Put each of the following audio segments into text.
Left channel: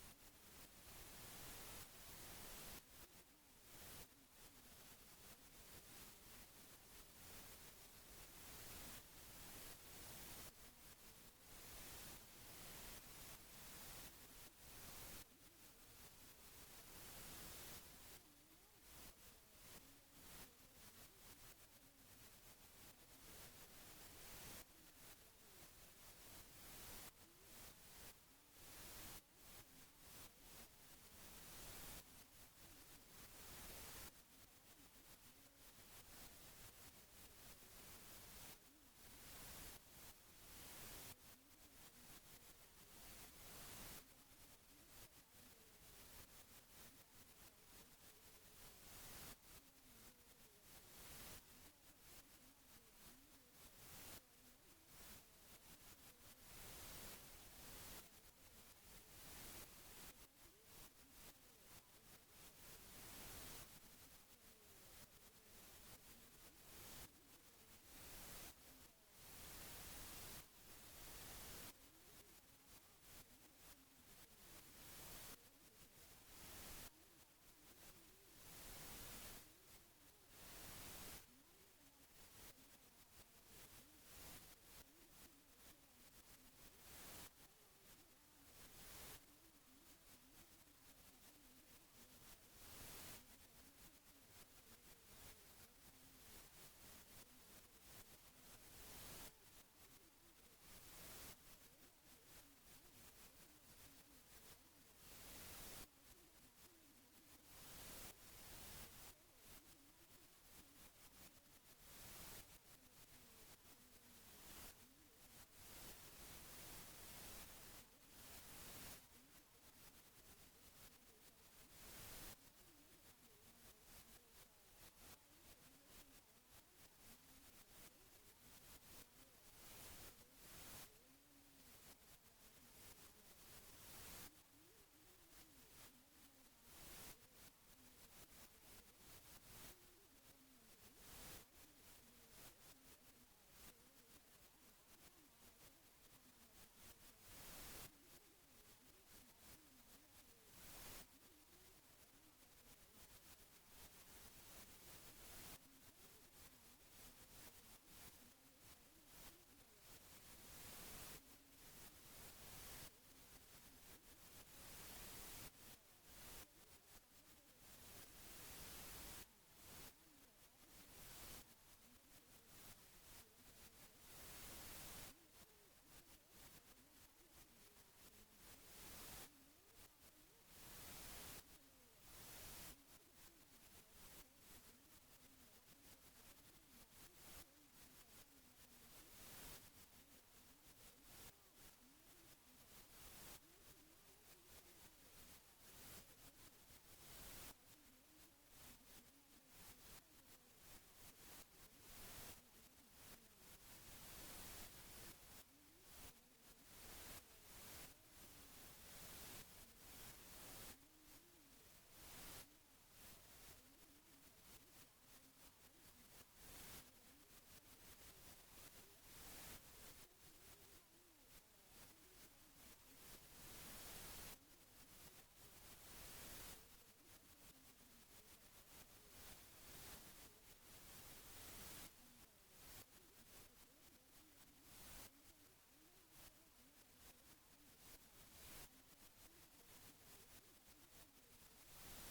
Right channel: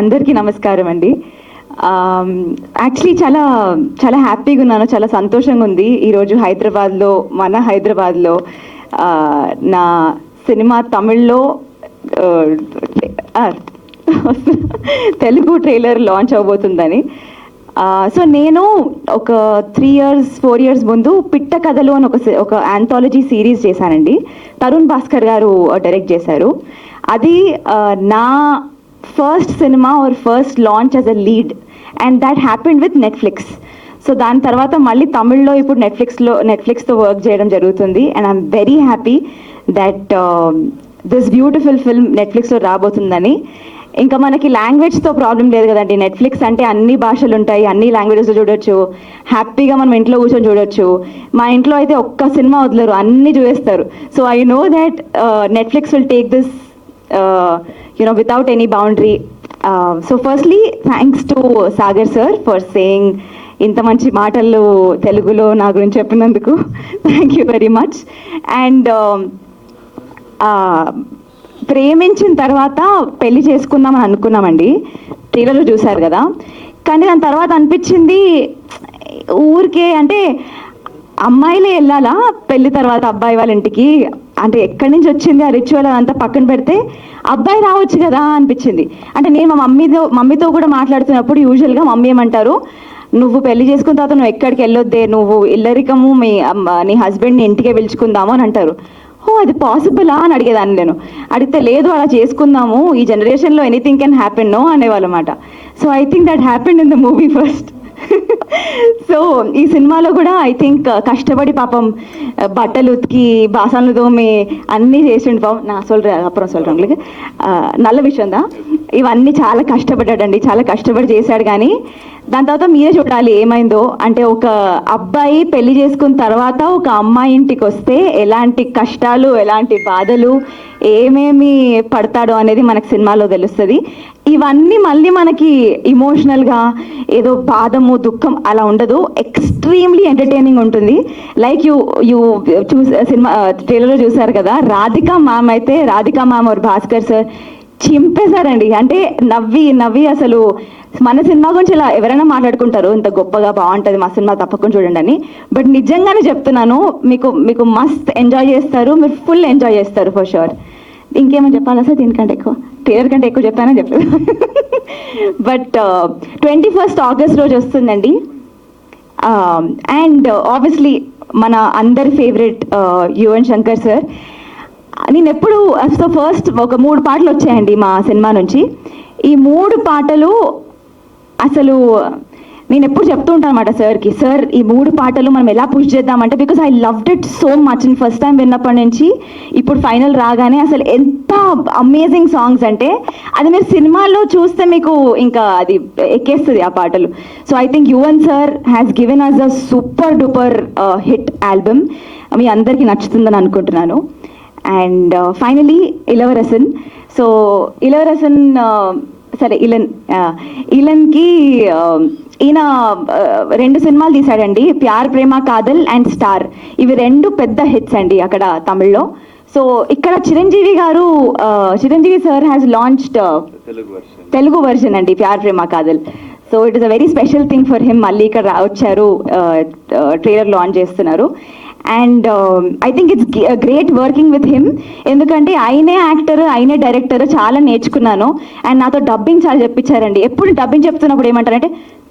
అందరికీ నమస్కారం అండి. యాక్చువల్లీ చాలా చాలా హ్యాపీగా ఉన్నాను, చాలా సంతోషంగా ఉంది ఈరోజు మన హైదరాబాద్లో నా సినిమా తమిళ్లో తెలుగు ట్రైలర్ లాంచ్ అవబోతుందని. సో నేను ఒక 3-4 years ముందు పిట్ట కథలు అని ఒక ఆంథాలజీ సిరీస్ చేశానండి. తరుణ్ భాస్కర్ గారు డైరెక్ట్ చేశారు. అది నా first cinema or first launch as a lead, and that happened with Netflix. So దాని తర్వాత మళ్ళీ తమిళ్లో ఇప్పుడు నెట్ఫ్లిక్స్తో వర్క్ చేయడం జరుగుతుంది. And I'm very happy that this beautiful film నెట్ఫ్లిక్స్లో రాబోతుందని. ఇంకా మనకి లాంగ్వేజ్తో ప్రాబ్లం లేదు కదండి. నెట్ఫ్లిక్స్ అంటే అన్ని భాషలు ఉంటాయి, అన్ని లాంగ్వేజెస్లో చూడొచ్చు, హ్యాపీగా మనం ఇంట్లో కూర్చొని చూడొచ్చు. మా ఇంట్లో అయితే ఒక్క సినిమా వదలరు, అన్నీ చూసేస్తారు. So I know that Netflix will take this without any boundary. So firstly, thanks to Sagar sir for saying ఇంత మంచి మాటలు తెలుగులో నా గురించి చెప్పినందుకు. Thank you very much. And ప్రేమించిన తర్వాత పెళ్లి చేసుకుందామని అనుకున్నామండి, ట్రైలర్లో చూశారు కదా. కానీ దాని తర్వాత అనిపించింది ఊరికే అంటే అమ్మాయిలే వెళ్ళాలా పెళ్లి తర్వాత అబ్బాయి వాళ్ళ ఇంటికి, అంటే ఎక్కడి నుంచి వచ్చింది ఆ రిచువల్ అదంతా పక్కన పెడితే అబ్బాయి రావచ్చు కదా అనిపించింది. అంటే నేను మా మమ్మీతో కూడా మాట్లాడుతున్నప్పుడు యూజువల్గా మమ్మీ ఏమంటారు, నువ్వు పెళ్లి చేసుకున్న తర్వాత నువ్వు ఎక్కడికి వెళ్ళొద్దే, నువ్వు ఇల్లరికము నీ హస్బెండ్ని ఇంటికే పిలుచుకుందాము అని అంటారు. అది పాసిబులా అని అడిగేదాన్ని. నేను అడిగితే లేదు అలా చేసుకుందాము, ఈ జనరేషన్లో ఎనీథింగ్ కెన్ హ్యాపెన్ నో అనేవాళ్ళమాట. So I think that happened in the movie first. So ఈ సినిమాలో కూడా ఐ థింక్ కష్టపడి పాపం బట్టలు ఉతికి బాసనలు తోమి అన్నీ చేసిండు పాపం. నా అப்புறம் சொல்றேன் నల్ల విషయం దా, ఇవన్నీ చాలా కష్టపడ్డాడండి, చాలా కష్టపడి చేశాడు. కానీ దాని తర్వాత మీరే చూడాలి ఏమైందో. అంటే ఒక అబ్బాయి పెళ్లి చేసుకున్న తర్వాత ఒక అమ్మాయి ఇంటికి వస్తే ఎలాంటి కష్టాలు, ఎలాంటి బాధలు, ఏమేమి పడతాడో అనేది మనకు సినిమాలో తెలుస్తుంది. ఇవన్నీ మళ్ళీ మనకి ఇమోషనల్గా ఏదో బాధము దుఃఖం అలా ఉండదు, ఎక్స్ట్రీమ్లీ ఎంటర్టైనింగ్ ఉంటుంది. లైక్ యూ సినిమా ట్రైలర్లో చూసారు కదా, రాధికా మ్యామ్ और భాస్కర్ సార్ చింపేశారండి. అంటే నవ్వి అసలు మన సినిమా గురించి ఇలా ఎవరైనా మాట్లాడుకుంటారు ఇంత గొప్పగా బాగుంటుంది మా సినిమా తప్పకుండా చూడండి అని. బట్ నిజంగానే చెప్తున్నాను, మీకు మస్త్ ఎంజాయ్ చేస్తారు, మీరు ఫుల్ ఎంజాయ్ చేస్తారు ఫర్ షూర్. ఇంకేమని చెప్పాలా సార్, దీనికంటే ఎక్కువ ట్రైలర్ కంటే ఎక్కువ చెప్పానని చెప్పలేదు. బట్ 21st August రోజు వస్తుందండి. అండ్ ఆబ్వియస్లీ మన అందరి ఫేవరెట్ యువన్ శంకర్ సార్. నేను ఎప్పుడు ఫస్ట్ ఒక 3 పాటలు వచ్చాయండి మా సినిమా నుంచి. ఈ 3 పాటలు అసలు నేను ఎప్పుడు చెప్తూ ఉంటాను అనమాట సార్కి, సార్ ఈ 3 పాటలు మనం ఎలా పుష్ చేద్దామంటే, because I loved it so much. And first time విన్నప్పటి నుంచి ఇప్పుడు ఫైనల్ రాగానే అసలు ఎంత అమేజింగ్ సాంగ్స్ అంటే అది మీరు సినిమాలో చూస్తే మీకు ఇంకా అది ఎక్కేస్తుంది ఆ పాటలు. So I think Yuvan sir has given us a super duper hit album. మీ అందరికీ నచ్చుతుందని అనుకుంటున్నాను. And finally Ilavarasan. So Ilavarasan సరే ఇలన్కి ఈయన 2 సినిమాలు తీశాడండి, ప్యార్ ప్రేమ కాదల్ అండ్ స్టార్. ఇవి 2 పెద్ద హిట్స్ అండి అక్కడ తమిళ్లో. సో ఇక్కడ Chiranjeevi sir has launched Telugu version అండి Pyar Prema Kaadhal. So it is a very special thing for him. మళ్ళీ ఇక్కడ వచ్చారు, ట్రైలర్ లాంచ్ చేస్తున్నారు. And I think it's great working with him, ఎందుకంటే ఆయనే యాక్టర్, ఆయనే డైరెక్టర్, చాలా నేర్చుకున్నాను. అండ్ నాతో డబ్బింగ్ చాలా చెప్పించారండి. ఎప్పుడు డబ్బింగ్ చెప్తున్నప్పుడు ఏమంటారంటే,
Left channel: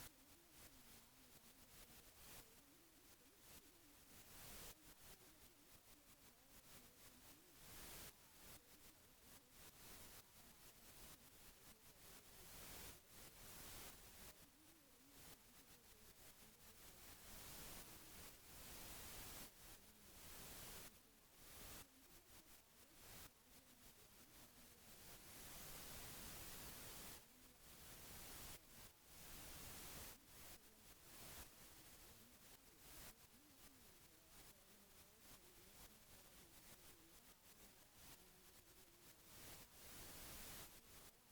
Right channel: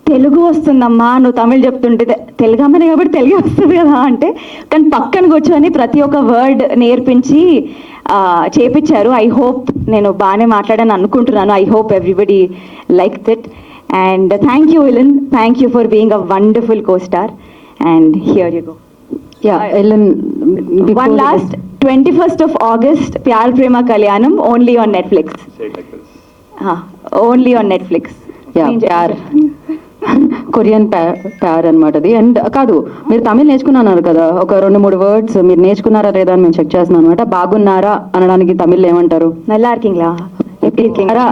తెలుగు వస్తుందమ్మా నువ్వు తమిళ్ చెప్తుంటే, తెలుగు అమ్మనే కాబట్టి తెలుగు వస్తుంది కదా అంటే, కానీ పక్కన కూర్చొని ప్రతి ఒక్క వర్డ్ నేర్పించి చేపించారు. ఐ హోప్ నేను బాగానే మాట్లాడాను అనుకుంటున్నాను. I hope everybody likes it. And thank you Elon, thank you for being a wonderful co-star. And here you go. Yeah, Ellen. One last 21st of August, Pyar Prema Kalyanam, only on Netflix. Only on Netflix. Yeah, Pyar. Korean Pyar అనమాట అది. And కాదు, మీరు తమిళ్ నేర్చుకున్నారు కదా, ఒక 2-3 words మీరు నేర్చుకున్నారా లేదా అని మేము చెక్ చేస్తున్నాం అనమాట. బాగున్నారా అనడానికి తమిళ్ ఏమంటారు? నల్లా ఇరుకీంగ్లా, ఎప్పుడు ఇరుకీంగ్లా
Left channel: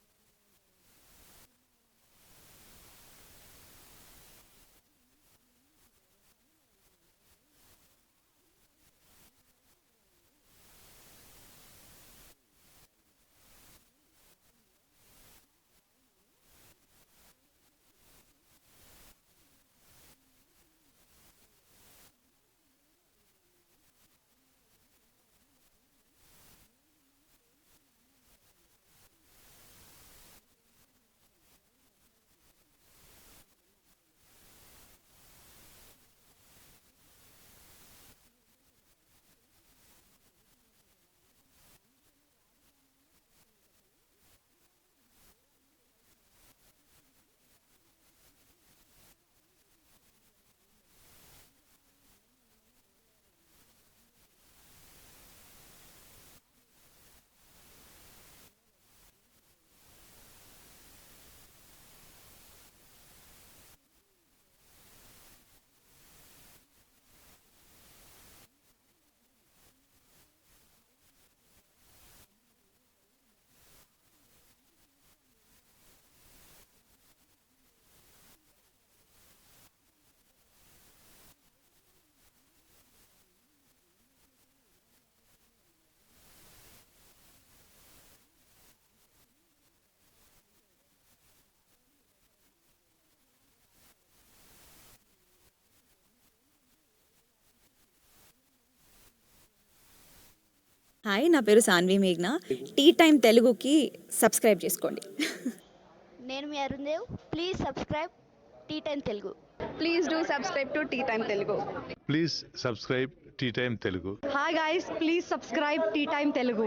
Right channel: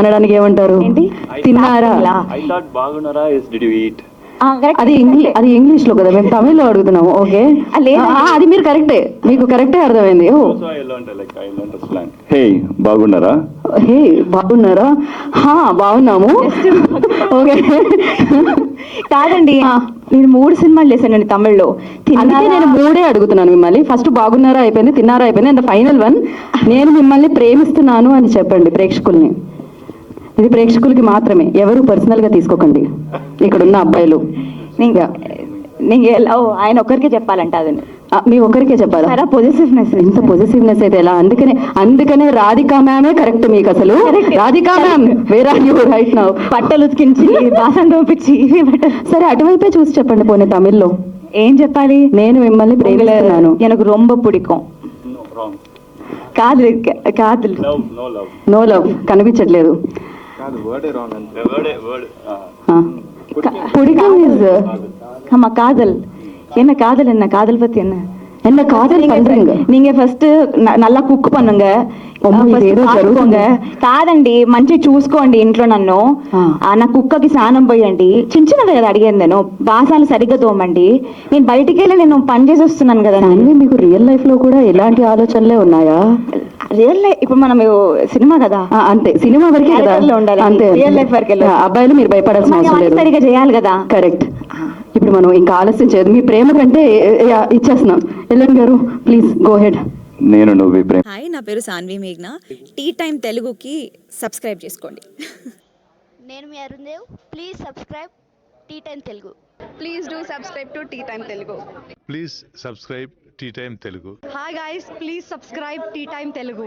అనడానికి ఏమంటారు? ఏంటి? తిన్నారా? I thought బాగున్నారా is did you eat? అది ఇంగ్లీష్ లో కదా, మేము తమిళ్లో అడుగుతున్నాము. ఓకే, అది మీరు కరెక్టే, మీకు కరెక్టే అర్థమైంది. ఓ హే బాగున్నారా? హే బాగున్నారా? బాగున్నాము. ఓకే, కాదండి, నేను 3 సినిమాలు చేశానండి తమిళ్లో. అందుకే నేను 3 అడుగుతున్నాను మిమ్మల్ని. ఫస్ట్ బాగున్నారా అయిపోయింది, తిన్నారా అయిపోయింది, అండ్ ఫైనల్ వన్ నేను మిమ్మల్ని ప్రేమిస్తున్నాను అని చెప్పండి ప్రేక్షకుల్ని. ఇది ప్రేక్షకులకి మాత్రమే, ఎవరు పర్సనల్ గా తీసుకోకండి ఇక్కడ ఉన్న అబ్బాయిలు. ఆయన ఒక్కరికే చెప్పాలంట అది. మీ ఒక్కరికే చెప్పాలా? పొజిటివ్నెస్, ఇంత పొజిటివ్నెస్ అయితే ఎలా? అందుకనే రాధికా మ్యామే కరెక్ట్ మీకు అసలు. Radhika ma'am, where are you right now? బట్టలు ఉతికించి బాసం దోపించి సరే అటువైపే చూసి చెప్పండి పోనీ తమిళ్లో. ఏం చెప్పాలి? నేను మిమ్మల్ని ప్రేమిస్తున్నాను. எனக்கு ரொம்ப பிடிக்கும். కాదు కాదు, నో లవ్ కనిపించట్లేదు. பிடிக்கும் இஸ் ஆமா காதல். என்ன காதல், என்ன காதல் பத்தி என்ன காதல் பண்றீங்க? நீங்க ఫస్ట్ நல்லா కుక్ பண்ணுங்க, కాదండి మంచిగా చూసుకోండి ఇంట్లో నన్ను. నా కుక్కకి స్నానం పోయండి, చిన్నది కదా అడిగాను నేను. బాసాలు సరిగ్గా తోమండి. నేను బయటికి వెళ్ళి నేను పని చేసి వస్తున్నాను కదా. మీకు రియల్ లైఫ్ లో కూడా ఇలాంటి ఆలోచనలే ఉన్నాయా? రియల్ లైఫ్ ఇప్పుడు మనం సినిమా కదా, అంతే సినిమా వరకే కదా ఉండాలి, అంతే. రియల్ లైఫ్ వరకే అబ్బాయిలు మీరు భయపడాల్సిన అవసరం లేదు, సరిగ్గా చేయాలి కదా. కరెక్ట్. ఇప్పుడు మనం ఇంకా ఆలస్యం చేయదు, మీ ప్రేమ కంటే ఇచ్చేస్తున్నాం. ఎల్ఎన్ గారు ప్లీజ్ గో హెడ్. నేను నువ్వు ప్రేమ. హాయ్, నా పేరు సాన్వి మేఘ్నా. టీ టైం తెలుగుకి సబ్స్క్రైబ్ చేసుకోండి. నేను మీ Arundev. Please subscribe tea time Telugu. Please do subscribe to Tea Time Telugu. Please subscribe Tea Time Telugu. Hi guys, please subscribe Tea Time Telugu.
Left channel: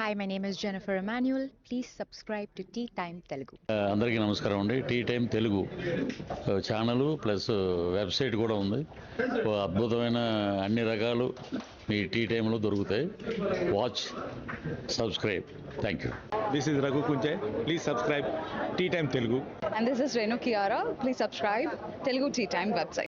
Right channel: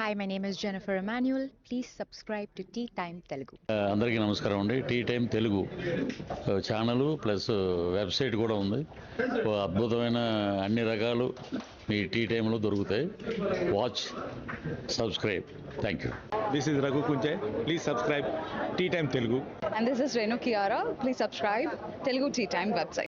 Hi, my name is Jennifer Emmanuel. Please subscribe to Tea Time Telugu. అందరికీ నమస్కారం అండి. Tea time Telugu channel plus website కూడా ఉంది. అద్భుతమైన అన్ని రకాలు మీ tea టైంలో దొరుకుతాయి. Watch, subscribe. Thank you. This is Raghu Kunche. Please subscribe Tea Time Telugu. And this is Renu Kiara. Please subscribe Telugu Tea Time website.